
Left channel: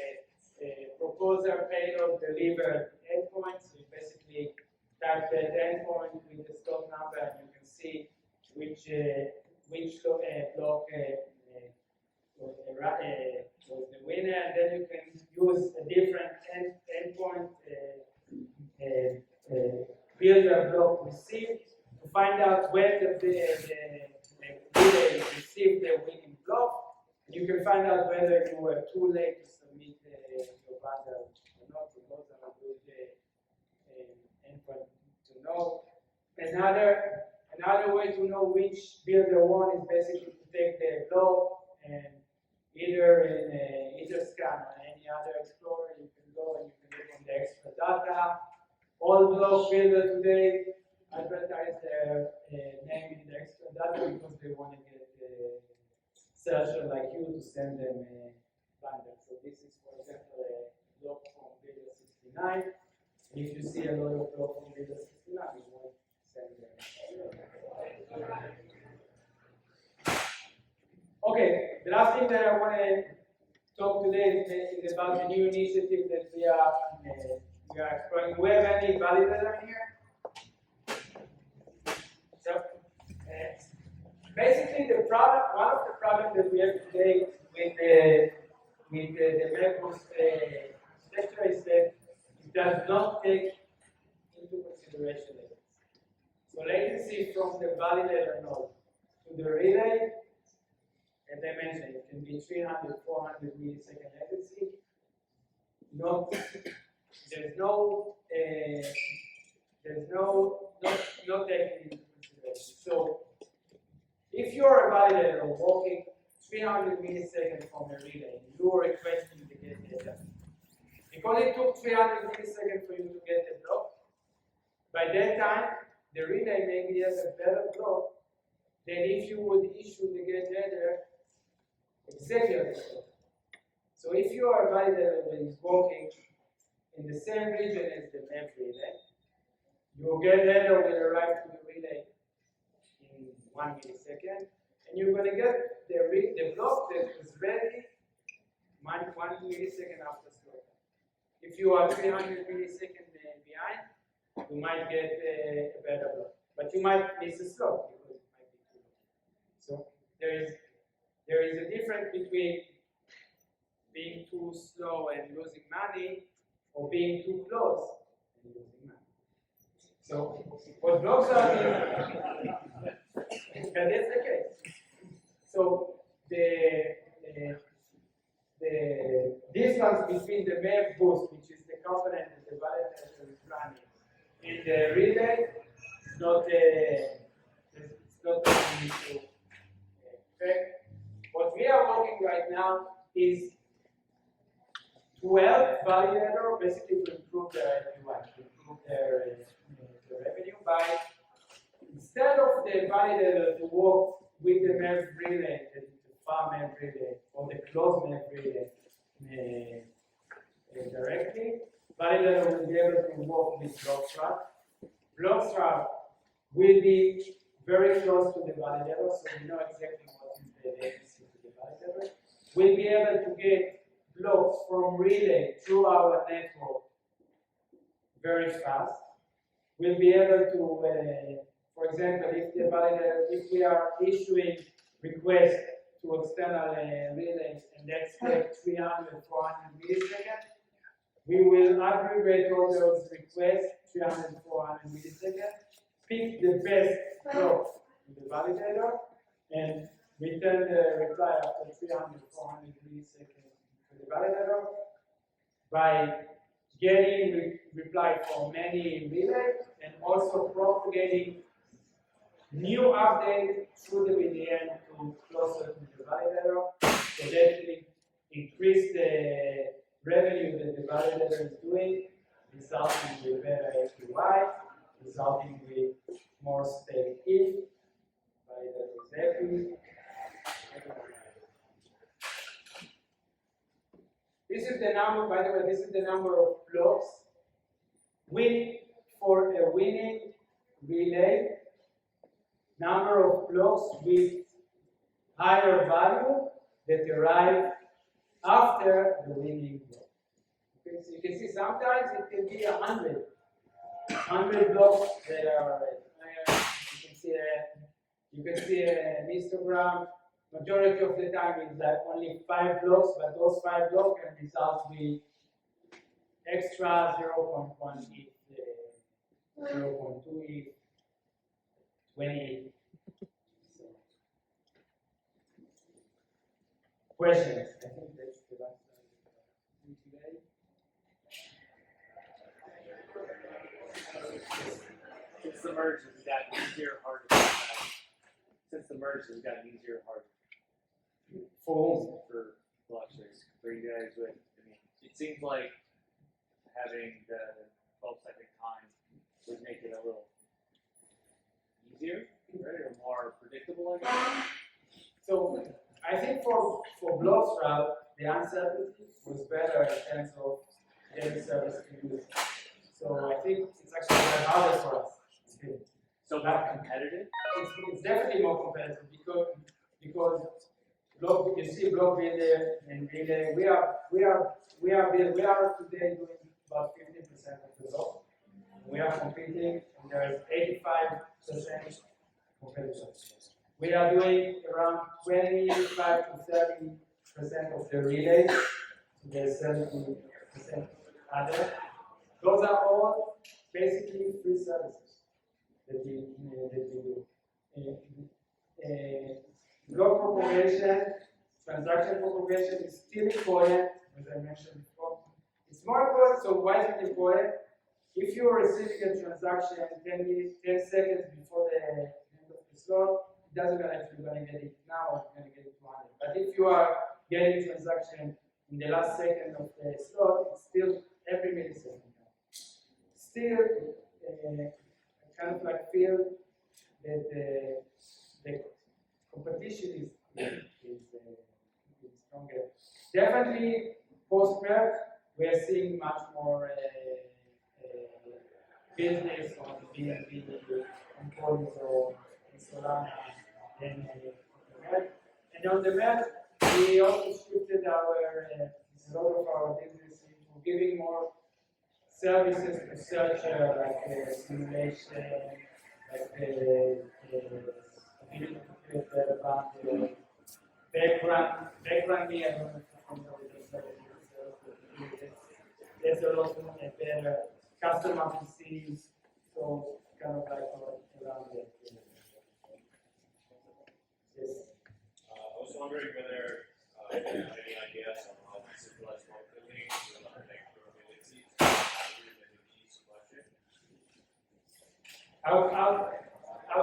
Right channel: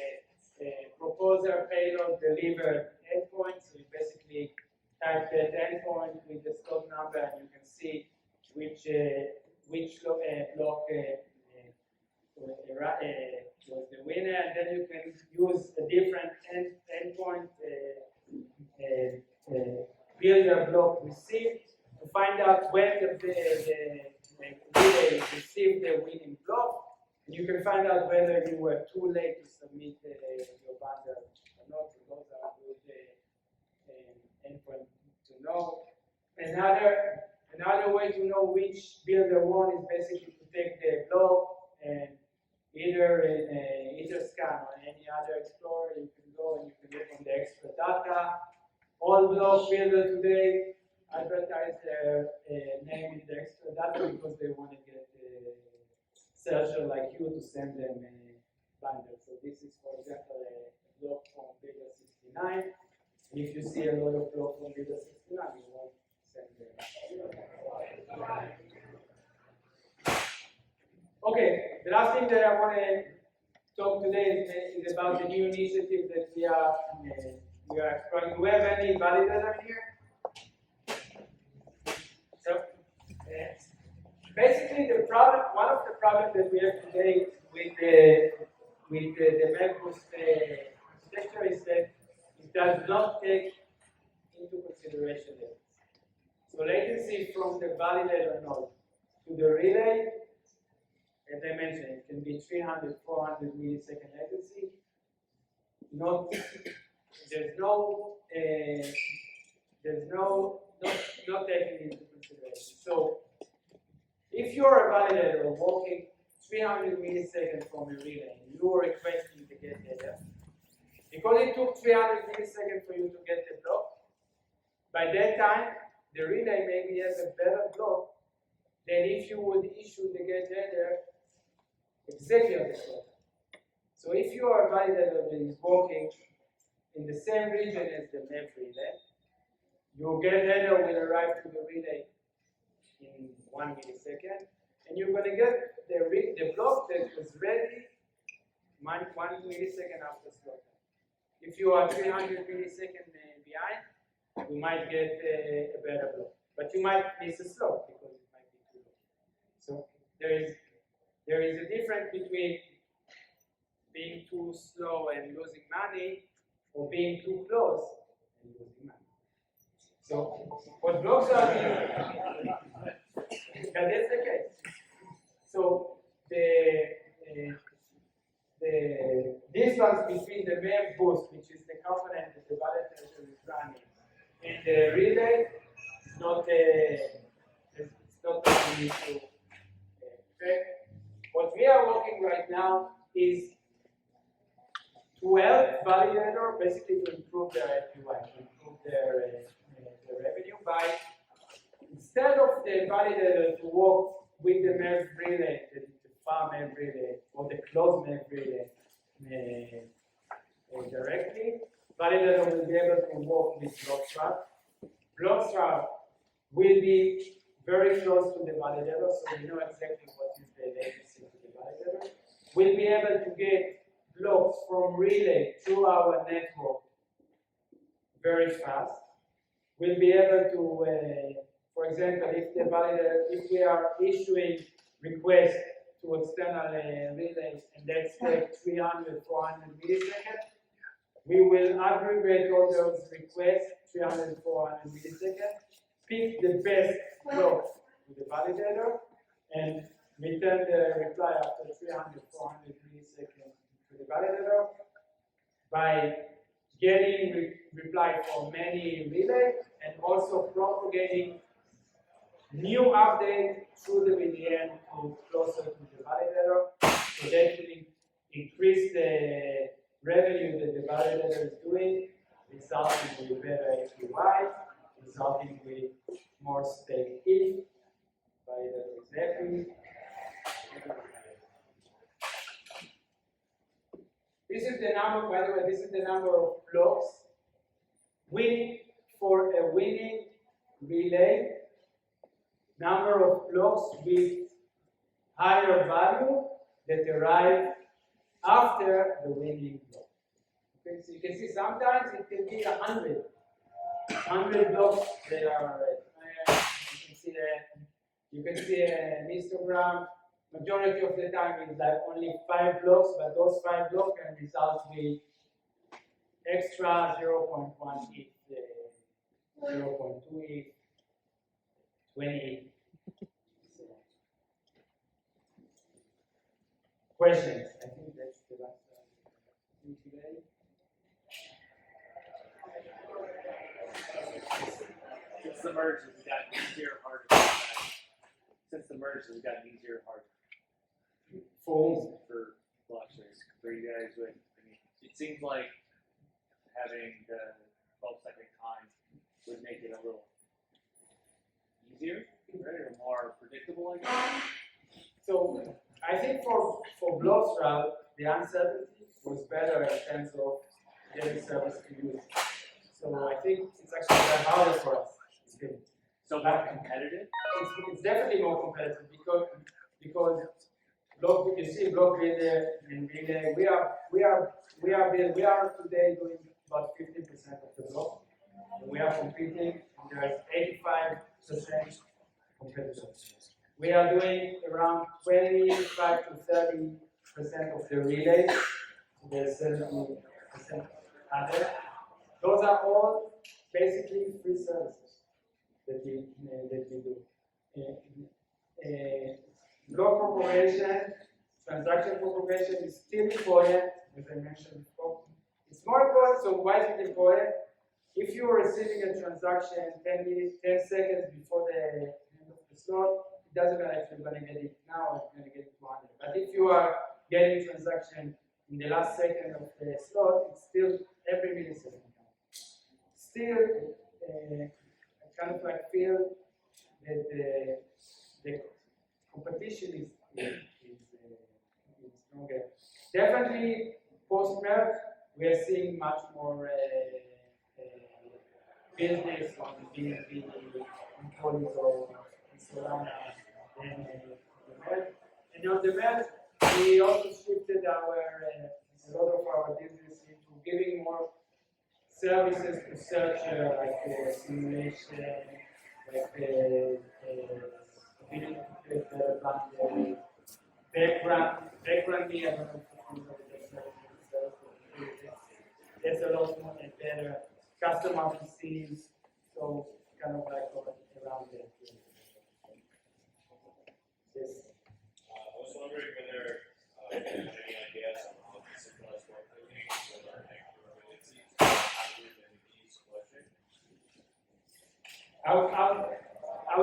proposer payload delivered endpoint. So you basically type that endpoint with the stock number, and you can see which block was the winner, and then you can use a different endpoint builder block received to find out when the relay received the winning block. You can find out whether you were too late to submit your bundle or not. So those are good endpoint to know. Another way to know which builder won is basically to take the block and either in Etherscan or any other explorer, you can go and you can look on the extra data. All block builder today advertise their name in the extra data because they want to get a searcher like you to send them a bundle. So this is, for example, a block from builder 69. If you see a lot of block from builder 69, you won't send them. Okay, the last thing that I want to talk today is about the new initiative that we are exploring. Do we have any validator in here? So, basically, one of the problems that we have today with the MEV architecture is that it does not take into consideration latency. So latency from the validator node to the relay, as I mentioned, it can be 300, 400 millisecond latency. Not taken into consideration. So if you're a validator walking 300 milliseconds from a relay, and you are requesting to get data, because it took 300 milliseconds for you to get the block, by that time, the relay maybe has a better block than if you would issue the get header exactly at the block. So if you are a validator that is working in the same region as the MEV relay, your get header will arrive to the relay in 1 millisecond, and you're going to get the block that was ready 1 millisecond after slot. If you are 300 milliseconds behind, you might get a better block, but you might miss a slot because it might be too low. So there is a difference between being too slow and losing money, or being too close and losing money. So what bloXroute is, that is the case. So the distance between the MEV boost, which is the component that the validator is running, the relay is not it's not an issue. Okay. What we are working right now is to help validator basically to improve their APY, to improve their revenue by instead of the validator to work with the MEV relay, the far MEV relay, or the closed MEV relay directly, validator will be able to work with bloXroute. bloXroute will be very close to the validator, so we know exactly what is the latency to the validator. We'll be able to get blocks from relay through our network very fast. We'll be able to, for example, if the validator, if we are issuing requests to external relays and that's take 300, 400 milliseconds, we will aggregate all those requests, 300, 400 milliseconds, pick the best block to the validator, and return the reply after 300, 400 milliseconds to the validator by getting reply from many relays and also propagating new update through the VDN to closer to the validator. So that will increase the revenue that the validator is doing, resulting with better APY, resulting with more stake if validator is happy. This is the number, by the way, this is the number of blocks for a winning relay. Number of blocks with higher value that arrive after the winning block. Okay, so you can see sometimes it can be 100 blocks that are. You can see an histogram. Majority of the time it's like only 5 blocks, but those 5 blocks can result with extra 0.1 ETH, 0.2 ETH, 20. So, questions? I think that's the last one today. Since the merge has gotten easier or harder? Since the merge has gotten easier or harder? For blockchains, for you guys, with, I mean, it seems like having the 12-second time would make it a little easier, right, or more predictable, I guess. So I think for bloXroute, the uncertainty was better in terms of getting service to use. So I think it's actually harder for us. It's good. So more competitive? It's definitely more competitive because block, you see block relay and relay. We are today doing about 15% of the block. We are competing, and there is 85% competition. We are doing around 25 to 30% of the relays. So there's 70% other. Those are all basically free services that we do. Block propagation, transaction propagation is still important, as I mentioned before. It's more important, so why is it important? If you are receiving a transaction 10 seconds before the end of the slot, it doesn't matter if you're going to get it now or you're going to get it 200. But if you are getting a transaction in the last second of the slot, it's still every millisecond. Still, I kind of like feel that the competition is stronger. Definitely, post-merge, we are seeing much more business on BNB, on Polygon, and Solana than the merge. And on the merge, we also shifted a lot of our business into giving more services to searcher, like simulation, like ability to create background me, I don't know if you know the there's a lot more and better customer PCs, so kind of like around it. Yes. I was wondering whether you have any ideas on how to centralize marketing or learning probabilities in each question. how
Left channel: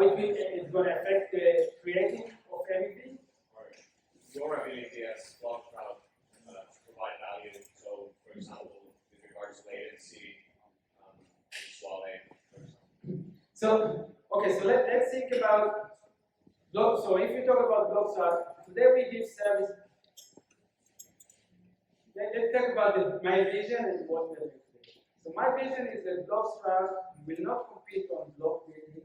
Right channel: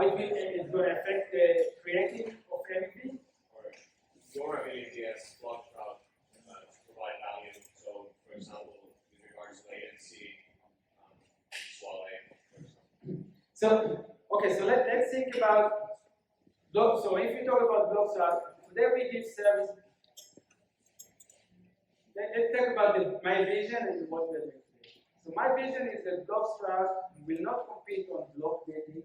it's going to affect the creating of MEV. Or your ability as bloXroute to provide value. So, for example, with regards to latency, swallowing, for example. So, okay, so let's think about block. So if you talk about bloXroute, today we give service. Let's talk about my vision and what we're doing today. So my vision is that bloXroute will not compete on block building,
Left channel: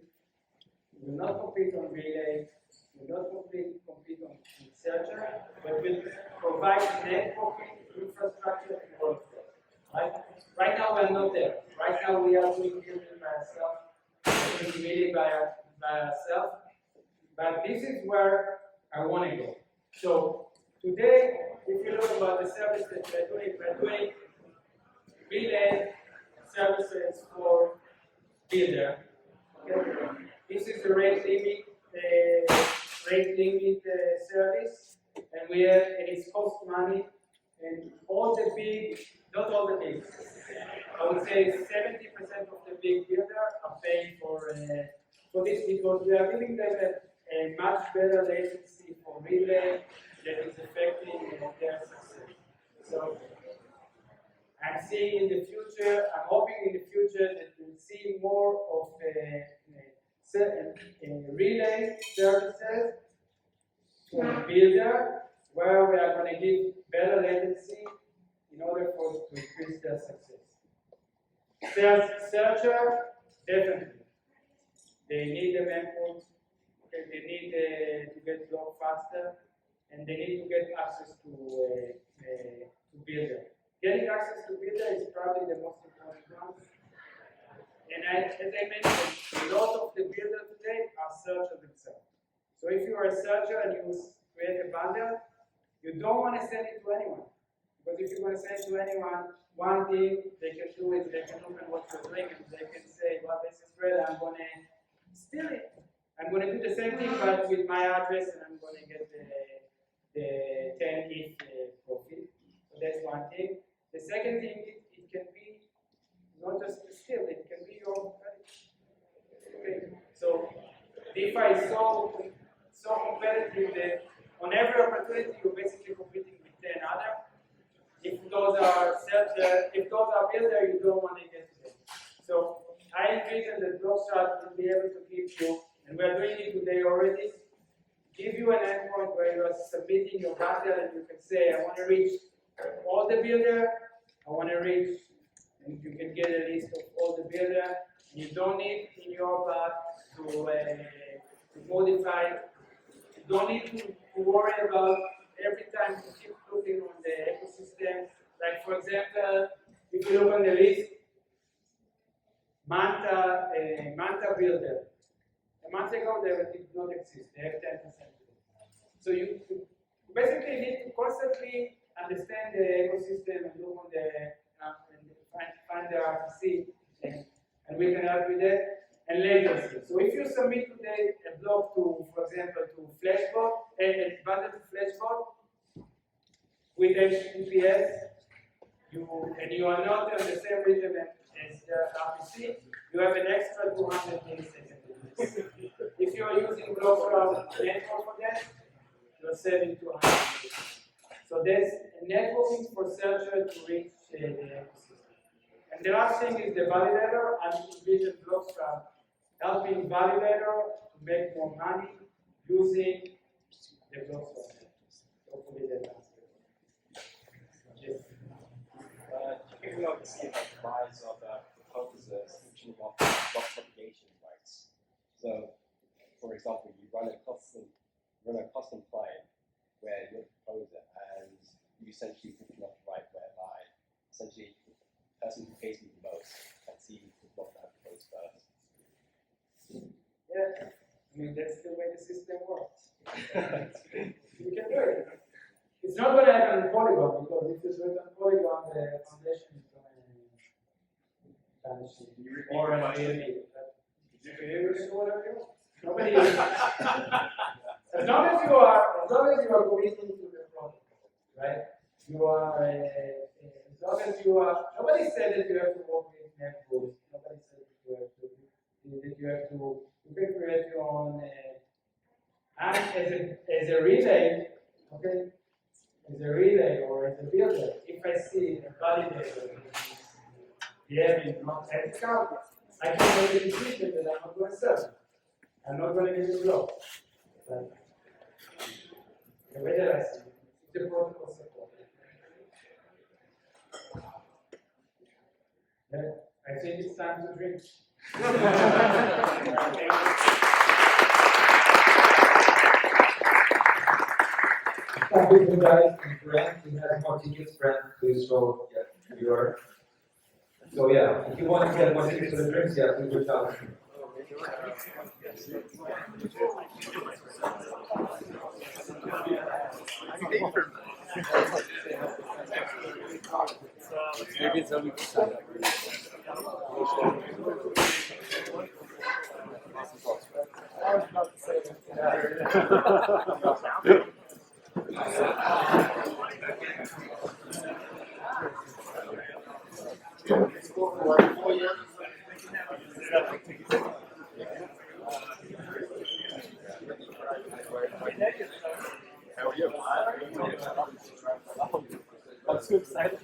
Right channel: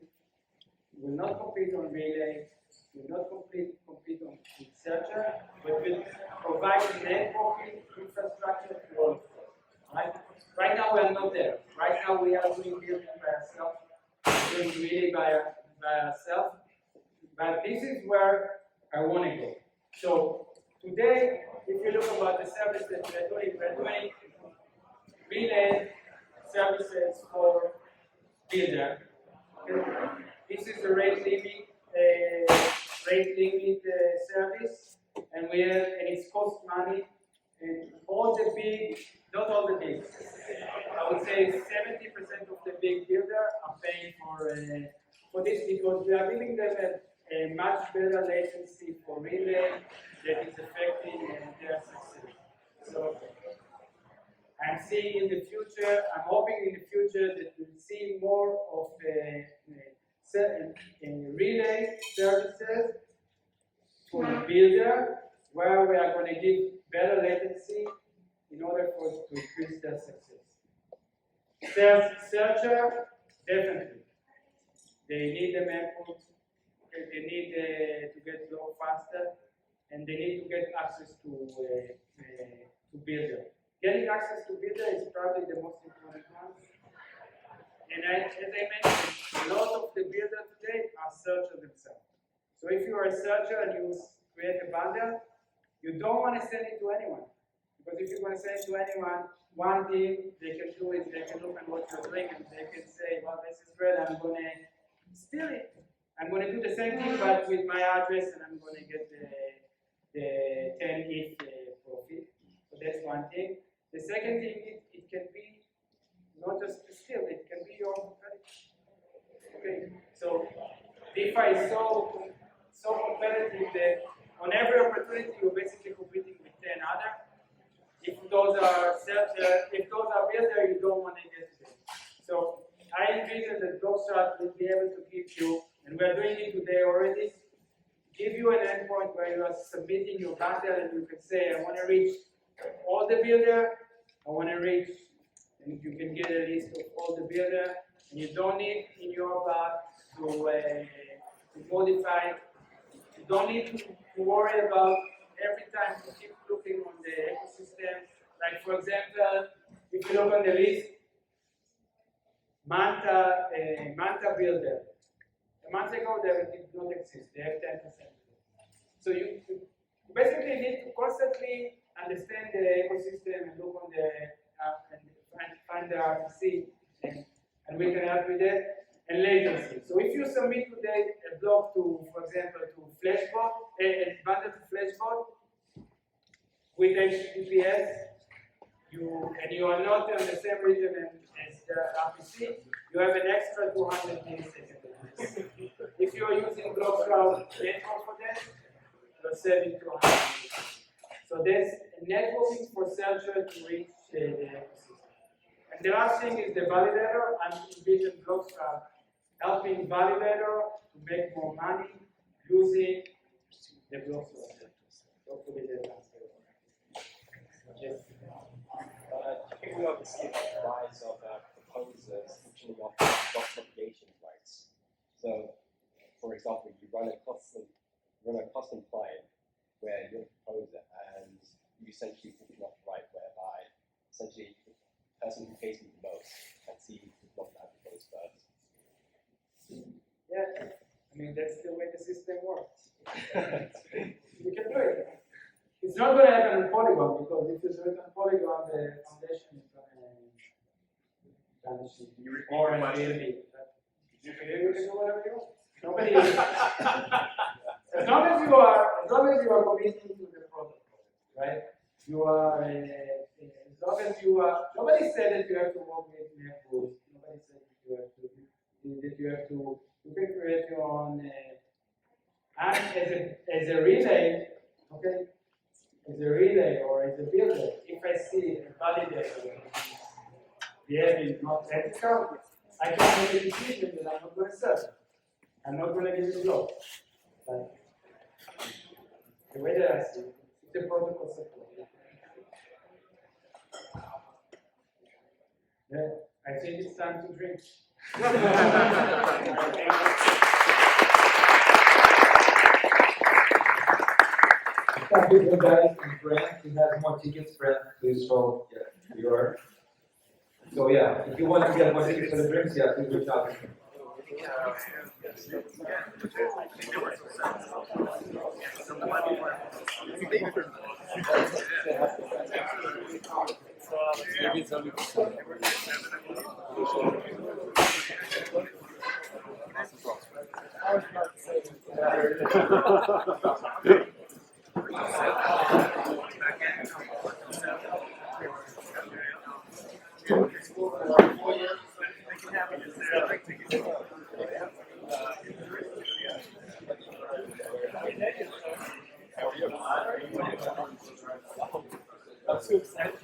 will not compete on relay, will not compete on searcher, but will provide networking infrastructure to all of us. Right? Right now we are not there. Right now we are doing building by ourselves, doing really by ourselves. But this is where I want to go. So today, if you look about the service that we're doing relay services for builder. Okay? This is a rate limit service, and it's cost money. And all the big, not all the big, I would say 70% of the big builders are paying for this because we are giving them a much better latency for relay that is affecting their success. So I'm seeing in the future, I'm hoping in the future that we'll see more of relay services to a builder where we are going to give better latency in order to increase their success. Searcher, definitely. They need the input, okay, they need to get block faster, and they need to get access to builder. Getting access to builder is probably the most important one. And as I mentioned, a lot of the builders today are searchers themselves. So if you are a searcher and you create a bundle, you don't want to send it to anyone. Because if you're going to send it to anyone, one thing they can do is they can look at what you're doing and they can say, well, this is great, I'm going to steal it. I'm going to do the same thing but with my address and I'm going to get the 10 ETH profit. So that's one thing. The second thing, it can be not just a steal, it can be your own credit. Okay. So DeFi is so competitive that on every opportunity you're basically competing with 10 others. If those are builder, you don't want to get to them. So I envision that bloXroute will be able to give you, and we're doing it today already, give you an endpoint where you are submitting your bundle and you can say, I want to reach all the builder, I want to reach, and you can get a list of all the builder, and you don't need in your part to modify. You don't need to worry about every time to keep looking on the ecosystem. Like for example, if you look on the list, Manta builder. A month ago they did not exist. They have 10%. So you basically need to constantly understand the ecosystem and look on the and find the RPC, and we can help with that. And latency. So if you submit today a block to, for example, to Flashbot, a bundle to Flashbot with HTTPS, you are not on the same rhythm as the RPC, you have an extra 200 milliseconds. If you are using bloXroute network for that, you're saving 200 milliseconds. So there's a networking for searcher to reach the ecosystem. And the last thing is the validator. I'm envision bloXroute helping validator to make more money using the bloXroute. Hopefully that answers. Yes. Picking up the rise of proposers switching off block propagation rights. So, for example, you run a custom client where you're a proposer and you essentially switching off the right whereby essentially the person who pays me the most can see the block that goes first. Yeah, I mean that's the way the system works. You can do it. It's not going to happen on Polygon because if you do it on Polygon, the foundation is going to vanish. Or an ALB. You can do whatever you want. Nobody is. As long as you are committing to the protocol, right? You are. As long as you are. Nobody said that you have to work with networks. Nobody said that you have to And as a relay, okay, as a relay or as a builder, if I see a validator behaving not ethical, I can make a decision that I'm not going to serve. I'm not going to give it block. But the way that I see it, it's a protocol support. Yeah, I think it's time to drink. Thank you, you guys, and Brent, we have more tickets, Brent, please show your. So yeah, if you want to get more tickets for the drinks, yeah, please reach out. Maybe it's only I'm so excited.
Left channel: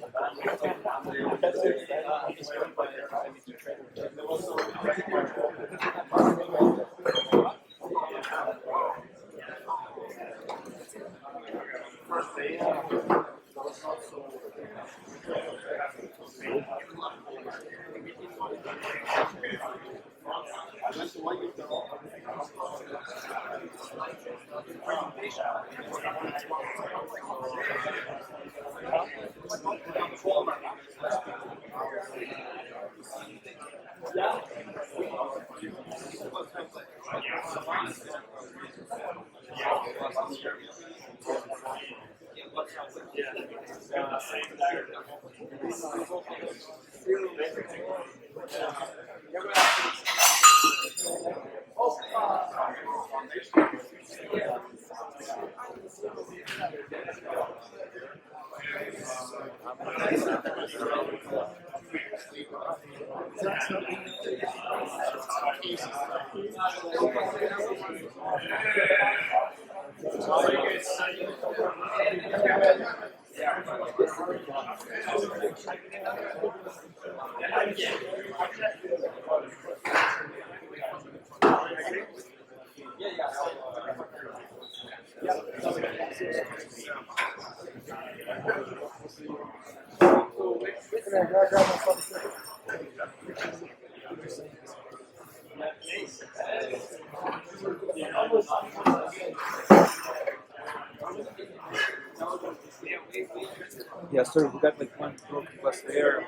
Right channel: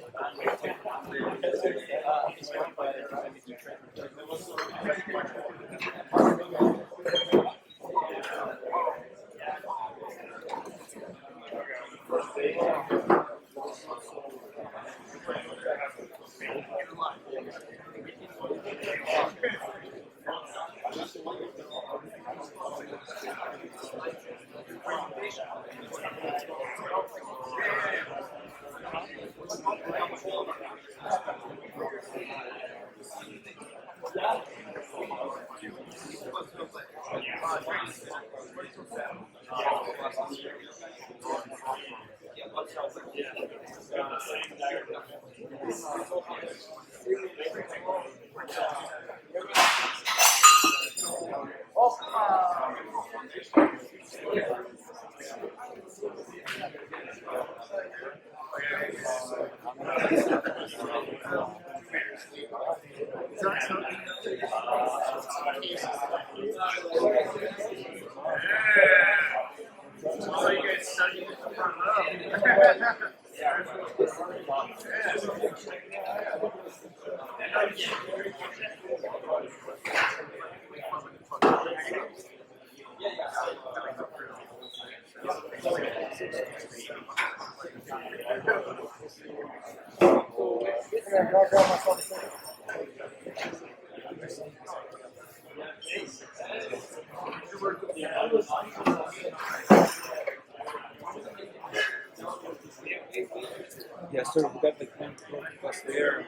Yeah, sir, we got like one plus there,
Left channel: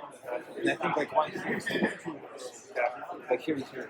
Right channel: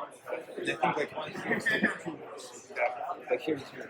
and I think like one here, like here is here.